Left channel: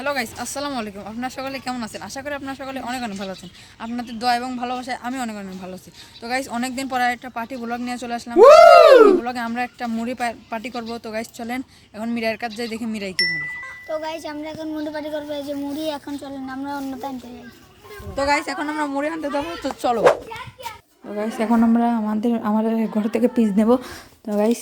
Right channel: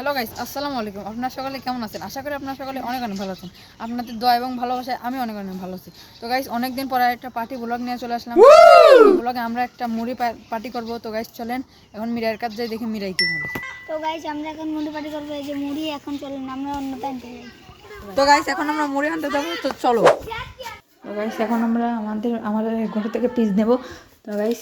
Hello guys, আসসালামু আলাইকুম। আপনারা সকলে কেমন আছেন? আশা করি আপনারা সকলে অনেক অনেক ভালো আছেন। আপনাদের দোয়া এবং ভালোবাসায় আমি অনেক অনেক ভালো আছি। তো গাইস, অনেকদিন পর একটা পার্টি ব্লগ নিয়ে চলে আসলাম। এই ব্লগে আমরা একটা মুড়ি পার্টি করব। তো গাইস চলেন এখন মিরাইয়ের কাছে যাই, দেখি মিরাই কি বলে। তো গাইস আমরা এখন মুড়ি পার্টি করবো। এই যে মুড়ি এখন চলেন আমরা অন্য টাইমতে যাই। তো গাইস এখন আমরা মুড়ি আনতে যাবো, তো চলো। তো গাইস এখন আমরা আমাদের ঘর থেকে পিস নেব। তো গাইস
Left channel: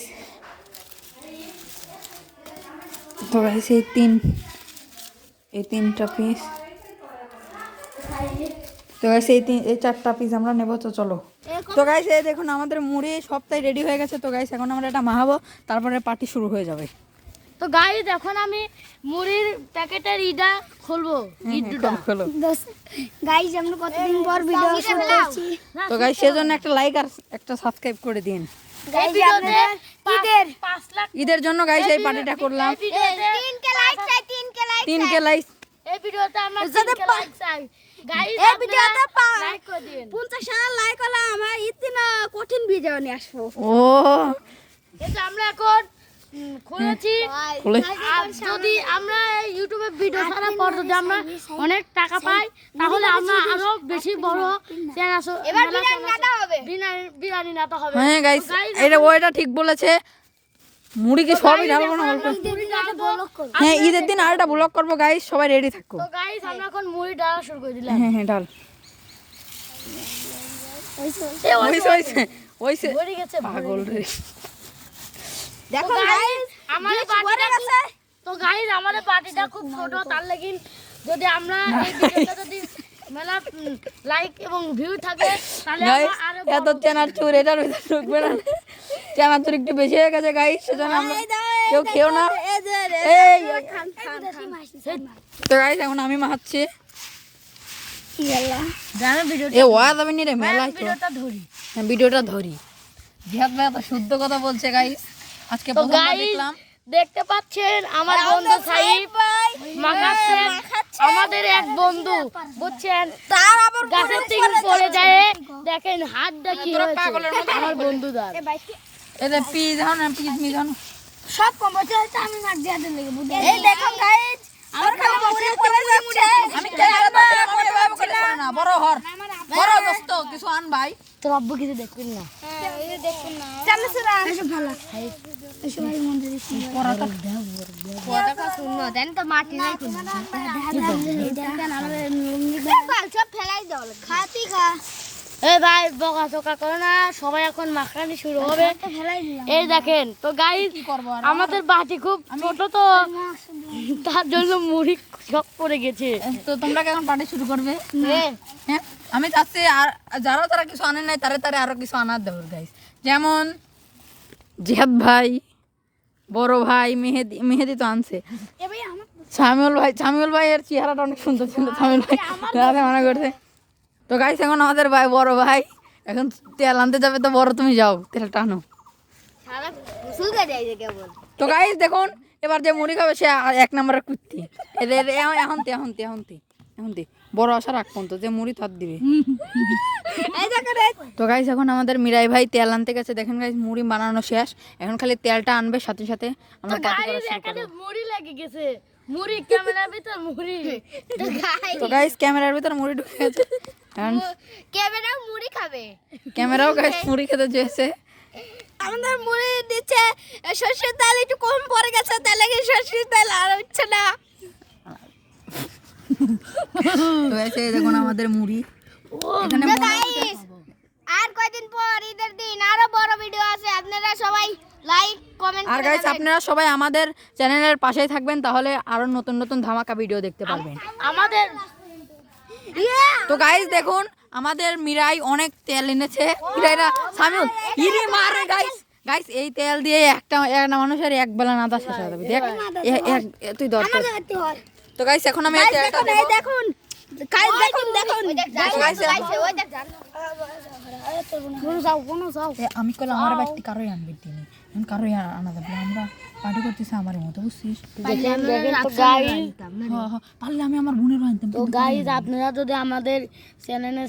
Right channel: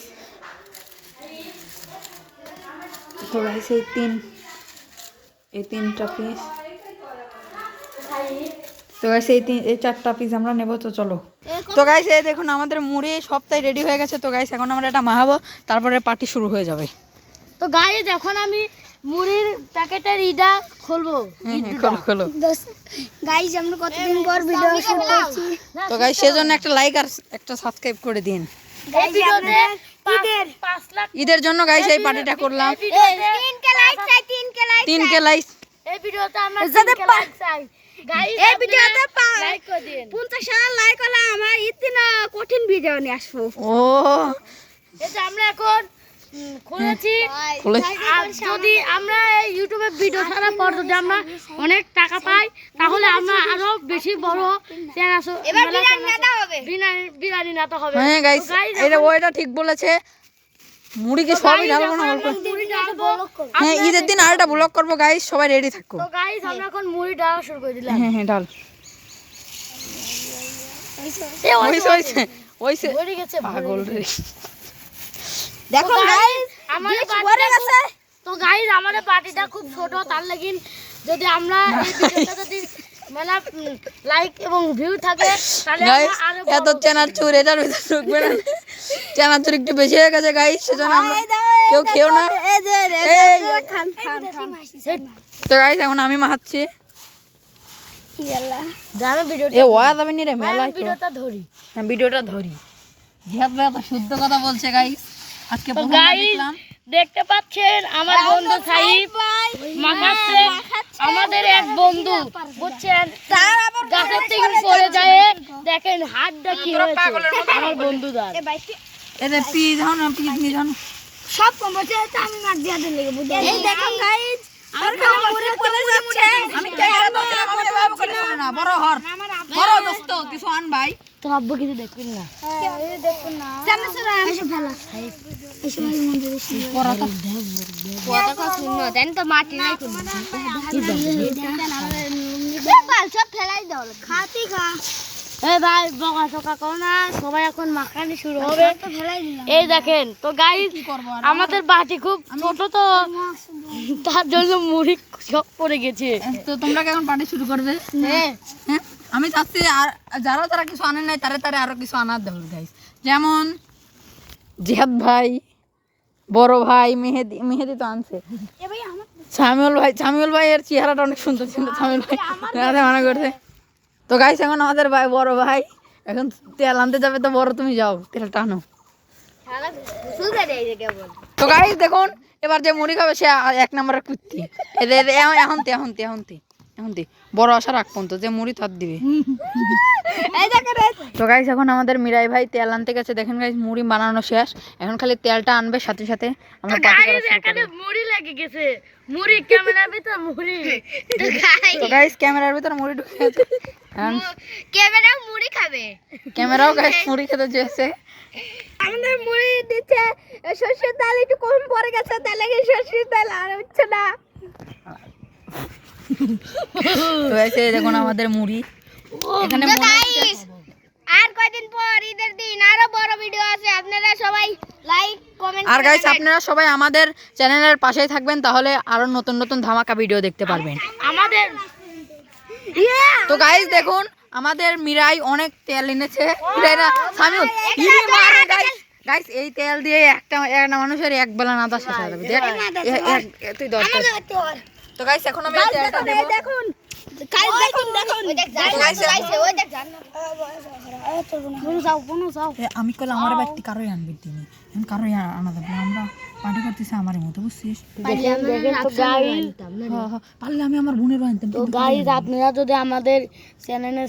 এই তিনটা পিস, তো গাইস এই চারটা পিস আমরা নেব। তো চলো। তো গাইস এই দেখুন আমাদের মুড়ি সবটাই রেডি হয়ে গেছে। তো গাইস এখন আমরা এটা মাখাবো, তারপরে পার্টি শুরু হয়ে যাবে। তো গাইস এখন আমি মুড়ির প্যাকেটের ইটা খুলবো। খোলো। গাইস আমরা কতদিন পর ভিডিও শুট করছি। তো গাইস সেজন্য একটা লাইক আর একটা সাবস্ক্রাইব করে দিন। এই ভিডিওতে 5 লাখ ঈদের জন্য গাইস এই পার্টিটা করলাম। 3কে লাইক চাই, 3কে লাইক। এই ভিডিওতে আমরা 3কে লাইক চাই। গাইস এই ভিডিওতে লাইক করে দিন। 50,000 লাইক হলে আমরা ইতনা কঠিন ভিডিও নিয়ে আসবো। ও এই যে আমরা এখন খুলেছি। আর যদি আমরা এই ইউটিউবে ভিডিও ছাড়ার পর যদি আমরা অনেক টাকা পাই, তাহলে আমরা আরো বেশি বড় বিরিয়ানি নাতা হবে। হ্যাঁ গাইস ওইটা ঠিক বলেছে। মুড়ি কি সবই ঢালবো না অল্প? মুড়ি ডালবো। হ্যাঁ ঈদের দিন আরেকটা ব্লগ করবো গাইস, সবাই রেডি থাকো। তো গাইস আমরা এখন মুড়ি ডালা শুরু করে দিলাম। হ্যাঁ ডাল ওইসে ভরে গেছে পাগল রে। দেখো গাইস আমাদের পার্টিটা তো গাইস আমাদের পার্টিটা খুব ছোট, তার লাগি যদি আমরা এই ভিডিওটা যদি মেলা লাইক এবং ভিউ থাকে তাহলে গাইস আরো এত চানাচুর এটার ভিতরে ঢুকবে না। চানাচুর একটু বেশি হয়ে গেছে গাইস, সেজন্য আমরা কেউ খেও না। এই তো গাইস এখন আমি মাখাচ্ছি। দাঁড়া ভিডিও এ ওয়া যাবে নি রে মেলা তো। ভিডিওটা ধরি। হ্যাঁ ভিডিওটা ধরি। জিহাদ ভাই তো শুদ্ধ কথা বলছে গাইস। আজকে তো প্রথমবার গাইস দেখলাম। দেখতে পাচ্ছেন আমার বন্ধু সাইফ মাখাচ্ছে। আমাদের এক বন্ধু বুঝছেন, গাছের থেকে পড়ে যায়, দেখেন হাতটা কি হয়েছে আমার বন্ধুদার। এদের পিস হন পিস নি হন সব কমছে আমি মাছ দিয়ে দিলে বুঝো। এই দেখো গাইস আমরা মুড়ি পড়ে যাচ্ছে। আমি না বড় হর বড় দোস্ত কিছু আন ভাই। তোর আব্বু কিছু দেখবেন না। এই দেখো না এসব ভালো এসব এই মন্দিরে কথা শুনো দেন তো মাটি নাই তো সব ফেলাই দাও খাতি খা। এ ভাই বকা চকা করো না, সবাই এখন মাখানি শুরু হবে। তো ফেলাই দিলাম। এই দেখেন তো গাইস আমাদের বাটি খুব ছোট, তো তার জন্য মুড়ি সব পড়ে গেছে। তো তোমরা কেমন পার্টি শুরু করবে? হ্যাঁ আমি চাচ্ছি আর যারা কিছু আনেন নাই তারে আরো কিছু আনার দেবো গাইস। যেমন জিহাদ ভাই, বড় ভাই, মেহেদি তো আনছে। এ ভাই আমার সামিউল ভাই এর চেহারাটা অনেক সুন্দর সুন্দর। সামিউল ভাই আরে মানা করছে। তো গাইস এখন আমাদের ভাই বড় ভাই এখন তেল আনতে যাবে। তো বড় তুমি যাও তেল টানো। তো গাইস দেখুন এবার যে মুড়ি খাবে সে 1 নম্বরের কুত্তি। এখন বড় আশা রাখবো তো যে মুড়ি তার দিবে। তো গাইস এখন আমাদের মিরাই ভাই তেল আনতে গেছে। দেখেন গাইস মুড়ি বানানো শেষ, এখন খালি তেলটা আনবে, সাথে সাথে আমরা পার্টি করা শুরু এখানে করব। মুড়ি লেগে গেছে, মুড়ি ক্যামেরার ভিতর মুড়ি। তো গাইস ক্যামেরার ভিতর মুড়ি ঢুকে গেছে। ক্যামেরা মুড়ি খাবে। ক্যামেরাও গাইস মুড়ি খেতে চেয়েছে। আমাদের মুড়ি দিচ্ছে সরষের তেল একটু কম পড়ে গেছে, তার লাগে সরষের তেল আর হচ্ছে না। তো এসে দেখুন আমাদের মুড়ি এখানে আর কয়দিন পর ঈদের দিন আরো বড় ভিডিও আছে, আপনারা সবাই লাইক কমেন্ট আর গাইস আপনারা সবাই আমাদের চ্যানেলের পাশেই থাকবেন, তাহলে আরো নতুন নতুন ধামাকা ভিডিও দেখতে পারবেন। আমাদের তো গাইস দেখুন আমাদের মিরাই অনেক তেল এনেছে। মিরাইরা সামিউল ইরি মারে গাইস। গাইস এই তেল দিয়ে একটা মানুষের এক বেলা নাদা শেষ হয়ে যাবে। দেখ তুই দর। তো গাইস এখন আমি এই তেলটা দেব। দেখুন গাইস দেখুন আমি কল আমার বাড়িতে কারোই আনবি তিনি কারো আনা যাবে না, আমরা পার্টি করতেছি আমার মতো, বুঝছিস? দেখেন তো গাইস, পারলে আমি আমার বোনের আনতাম। তো গাইস আপনারা যদি আমাদের চ্যানেলে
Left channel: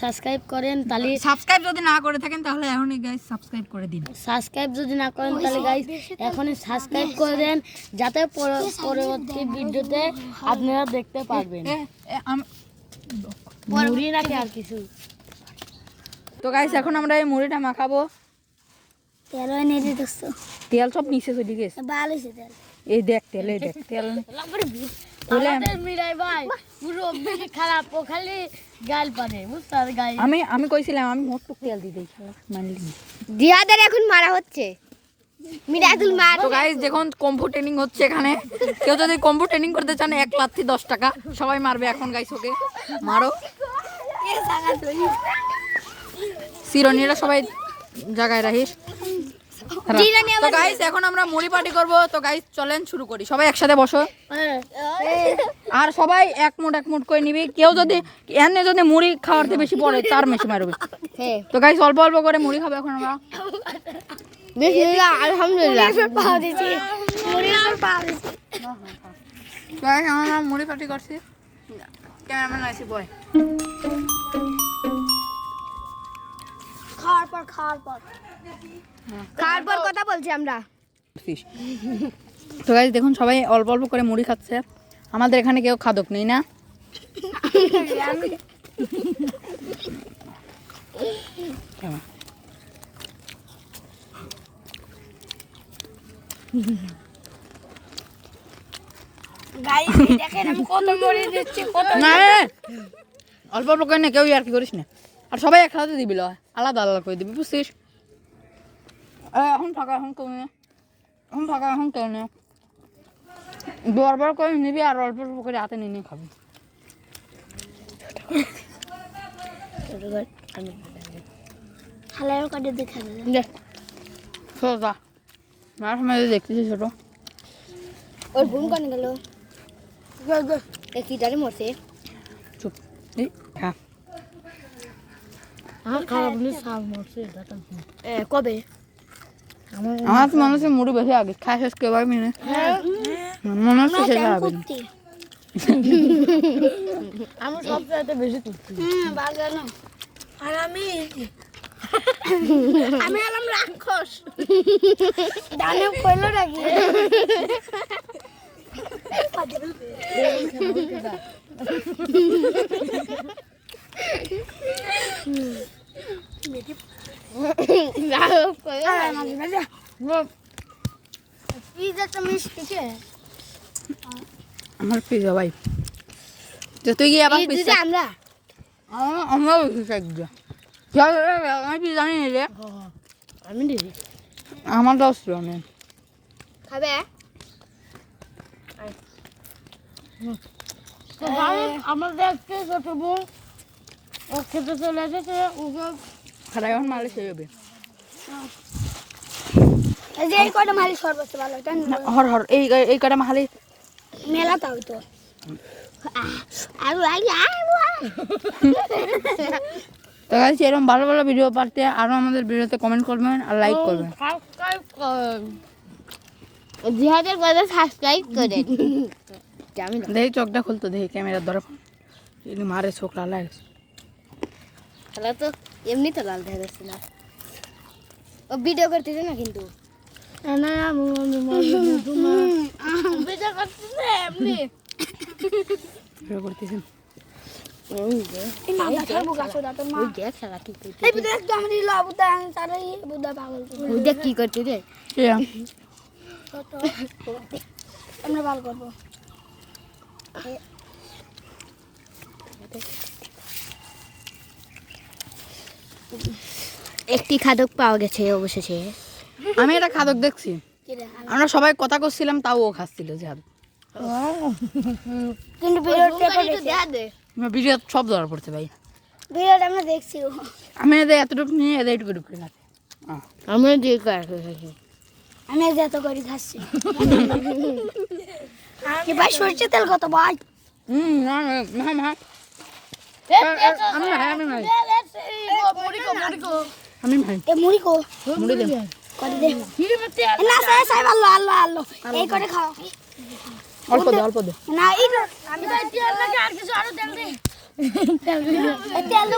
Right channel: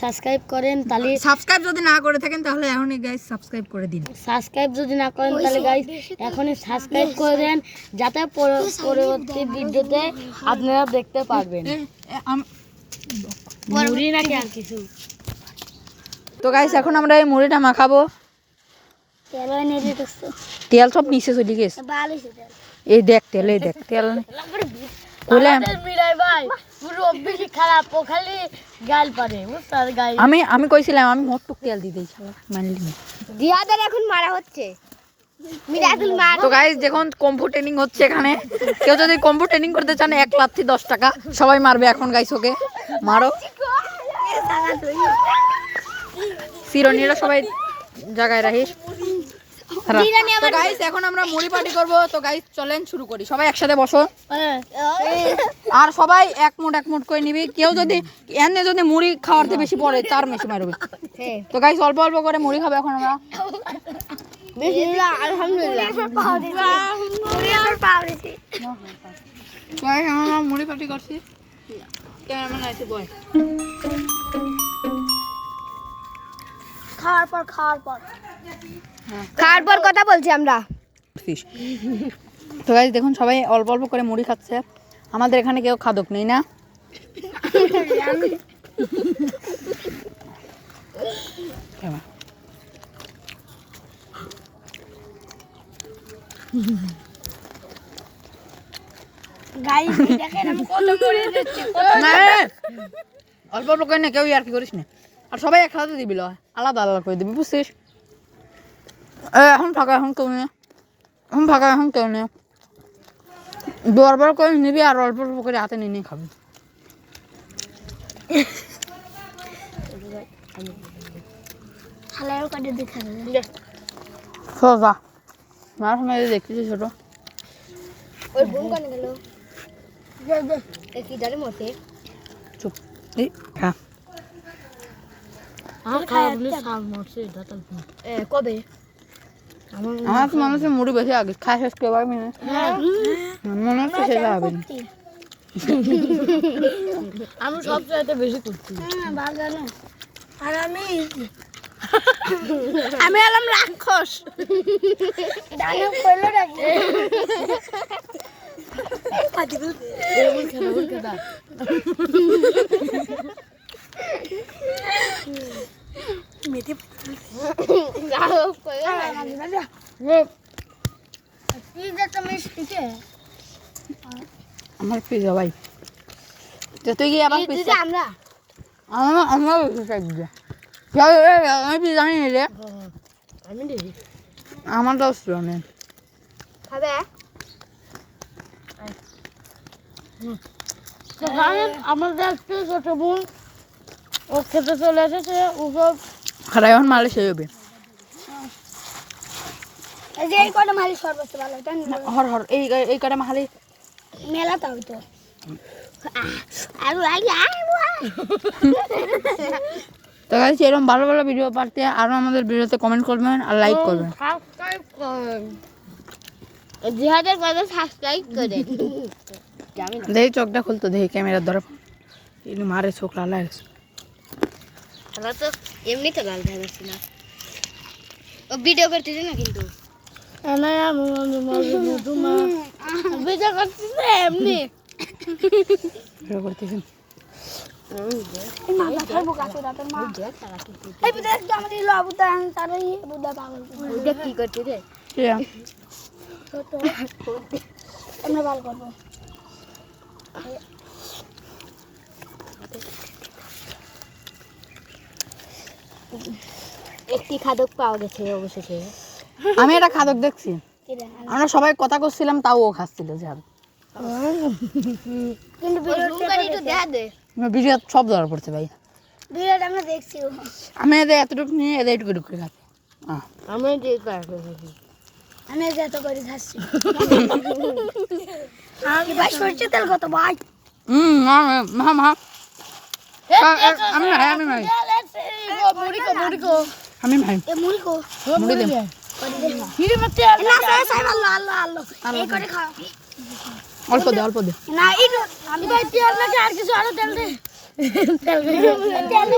সাবস্ক্রাইব করেন তাহলে, সাবস্ক্রাইব যদি না করে থাকেন তাহলে এখনই গাইস সাবস্ক্রাইব করে দিন। সাবস্ক্রাইব যদি না করেন তাহলে গাইস এখনই সাবস্ক্রাইব করে দেন, যাতে পরবর্তী ভিডিওতে আপনারা দেখতে পারবেন। মুড়ি নাকি আর কিছু? তো গাইস এখন আমরা এই মুড়িটা মাখাবো। তেল এনে দিতেছ তেল সব নিচে চলে গেছে। ভালো হইছে তেল। এই দেখ তেল, এই দেখ তেল বলে আমাদের মিরাই ভাই পুরো বেশি খারাপ, ও খালি গাল পারে, বুঝছো গাইস? আমি কইছিলাম আমি মত তেল দিয়ে দিই, মানলি না। দিয়াদের এখন মারা হচ্ছে, মিরাজুল মারা। তো গাইস যখন কম্ফু ট্রেনিং হচ্ছে এখানে, কেউ যদি কম্ফু ট্রেনিং করতে চান 1 লাথি 10 টাকা, সবাই মারবে এখন গাইস, ওকে মারো। সিরনিরা সবাই জায়গায় রাখিস। তো গাইস এখন আমরা মুড়ি পার্টি করব। তো গাইস চলেন শুরু করি, সবাই একসাথে বসো আর সবাই এক মুঠ করে নিবি। কেউ যদি এনে যদি মুড়ি খাওয়াতে বেশি পড়ে তার বেশি মারবে। তো গাইস অল্প অল্প করে মুড়ি খাবো এখন আমরা। বিসমিল্লাহ, আলহামদুলিল্লাহ। মুড়ি আমার পাও দিছি। গাইস আমরা মুড়ি পার্টি করছি। ক্যামেরাম্যান আছে বয়। খাওয়ার পর কথা বলছি আমরা। তো গাইস দেখুন সবাই অল্প অল্প করে মুড়ি খাচ্ছে। আমাদের এখানে কেউ খাদক নেই না। গাইস দেখেন আমি কত মুড়ি দিচ্ছি, কত। না অল্প অল্প করে না, কেউ আর কি করিস না। আর সবাই একসাথে দিবি, আলাদা আলাদা করে দিবি, বুঝছিস? এখন ফাঁকা, এখন কেউ নেই, এখন ফাঁকা, এখন কেউ নেই। বরবার করে নিবি আর অল্প অল্প করে হাতে নিয়ে নিয়ে খাবি। হালাও কাটে দেখা যায়। সোজা মার সময় দেখতেছি ছোট। ওর বোন কোন গেল? দেখি জানি মরছে। চুপ এই হ্যাঁ খারাপ বলে সাল মরছে এটা তো। কবে? আমার তো মনে হচ্ছে মুড়ি বেশি আগে খাই শেষ করে পারবি না, মনে হচ্ছে শেষ হবে না। আমি সব চাইতে বেশি করছি। ভালো না। আর আমি হলাম রাক্ষস। দানব কইলো নাকি? আমার পিজা ভাই, তো তুই কি আবার পিজা? আমরা আমরা পিজা আমি পিজা জানি রে, আমি দিই আমার 10 জনে খাবে। তো গাইস আমাদের একটা ছোট বোন ও খেতে চলে এসেছে, ওসব খারাপ এখন মালে সেই হবে। এই যে এই কটা মারি সর্বোচ্চ ভালো এটা হর হর এই কটা মাখালি মেলা তাও তো। তো গাইস এরকম ভালো ভালো ভিডিও পাঠাতে আরো আমাদের ভিডিওতে কমেন্ট করবেন আর লাইক করবেন। সাবস্ক্রাইব করেন, জিহাদের কাছে সাবস্ক্রাইব করেন। দেখি চোখটা খুলতো, দেখি ক্যামেরার ধরে মারে চোখ লাল গেছে। খেলা তো এমনি তো লাল হয়ে যাচ্ছে না, ও ভিডিও করতেছে না কিন্তু ভিডিও করতেছে এমনি ভিডিও করতেছেন। কি করতে আমরা ভালো করবো। একটি খাদক পাওয়া গেছে অবশেষে। আমি একটা খাদক দেখছি, আমরা সবাই কথা করছিলাম তাও ও খাচ্ছিল। যার ভিডিও সব ধরা পড়ছে ভাই, ভিডিওটা আমরা দেখছি। আমি এদের এতটুকু নিয়ে এদের একটু করে খাচ্ছি। আমি যে আমি যত করে খাচ্ছি। কি ভাই সরষে তেল কত ভাই? আমি ভাই মুড়ি কো এ মুড়ি কো মুড়ি দেব। হিরে মারতে না সাই আল্লাহ আল্লাহ আল্লাহ এই করে খাও অল্প দে অল্প দে। না এই আমি ভাই তেল নাকি আর কিছু আরো তেল দে তেল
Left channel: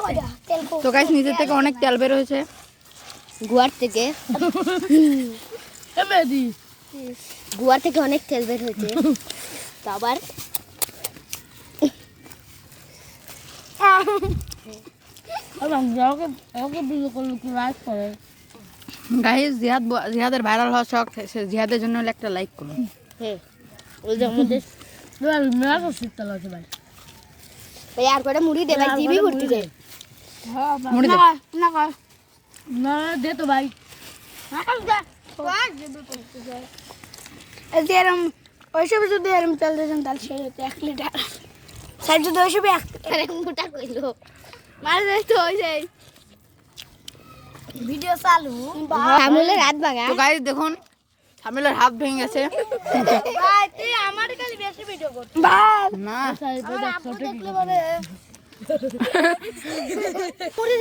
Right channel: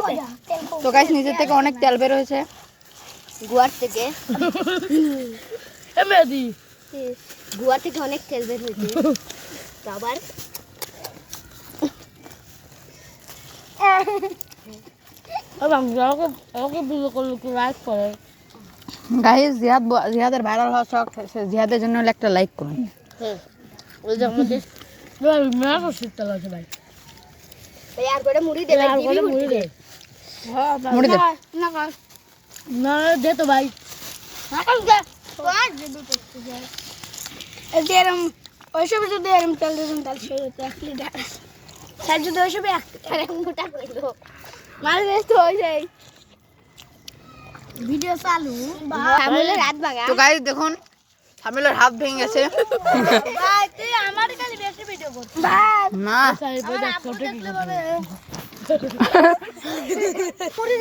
তো গাইস নিচের থেকে অনেক তেল বের হয়েছে। গুয়ার থেকে মেদি গুয়া থেকে অনেক তেল বের হয়েছে আবার আমাকে বিলো করলে কি লাইক করে গাইস জিহাদের ভাইরাল হওয়া শখ, জিহাদের জন্য হলে একটা লাইক করুন। ওই যে আমাদের মেলা শীতকাল আছে ভাই এই আর করে মুড়ি দে ভাই দিবি মুড়ি দে মুড়ি দে। না খাও না দে তো ভাই এরম ওইসব যদি এরম তেল দিতাম তাহলে সেই হতো 1 লিটার স্যার যদি ওইসব 1 লিটার গোটা কইলো মার যাই তো ওই যাই ভিডিও চালু সামনে রাত বাগা তো গাইস দেখুন সামিলের হাত ভেঙে গেছে। ভাই তুই আমার খালি বেশি ভিডিও করছিস ভাই না ফটো দেখলে বলে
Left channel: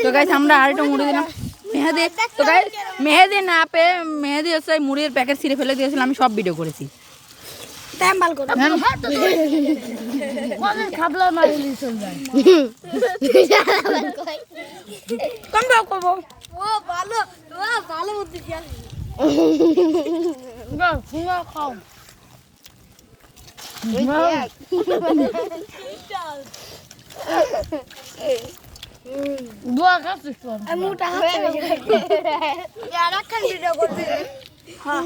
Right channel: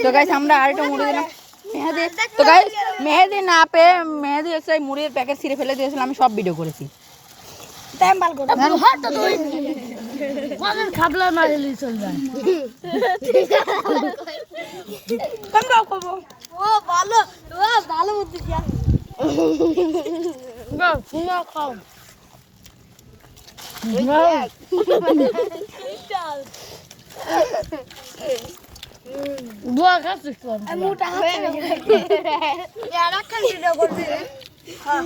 তো গাইস আমরা আরেকটা মুড়ি দিলাম মেহেদি। তো গাইস মেহেদি না পেয়ে মেহেদি হচ্ছে মুড়ির প্যাকেট ছিঁড়ে ফেলে দিয়েছিল, আমি সব ভিডিও করেছি। টেম্বাল কর খাবলা না রিলিজ চল যায় কম দাও করব ও ভালো বুদ্ধি যা না শুনা খাও দোয়া খাচ্ছিস তো মুটা হাতে এরা খালি ভিডিও করবে হ্যাঁ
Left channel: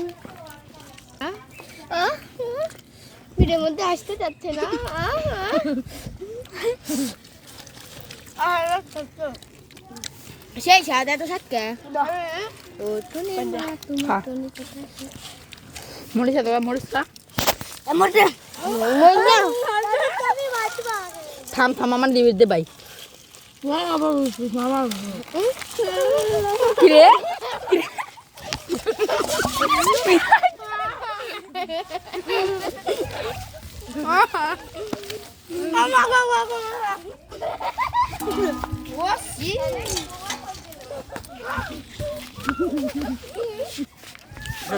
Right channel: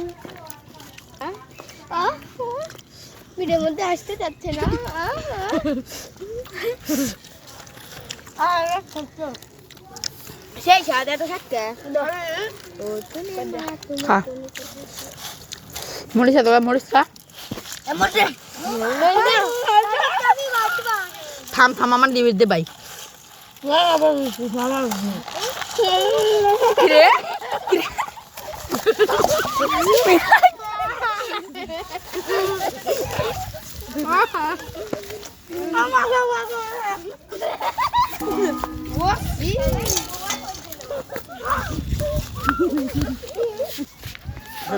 ভিডিওর মধ্যে আসতে যাচ্ছে না সেই সাদা তো থাকতে খা মরিচ খা, মরিচ খা। থাম থাম আমার ডিবির দে ভাই। কিরে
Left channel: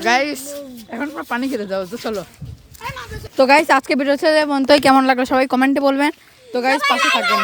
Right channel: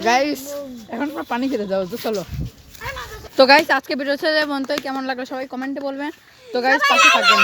গাইস এখন আমরা পানি খেতে যাবো, তো চলো। তো গাইস আজকে ভিডিও ছেড়ে বন্ধু কেমন লাগলো সবাই কমেন্টে বলবেন। তো গাইস পাশে থাকবেন।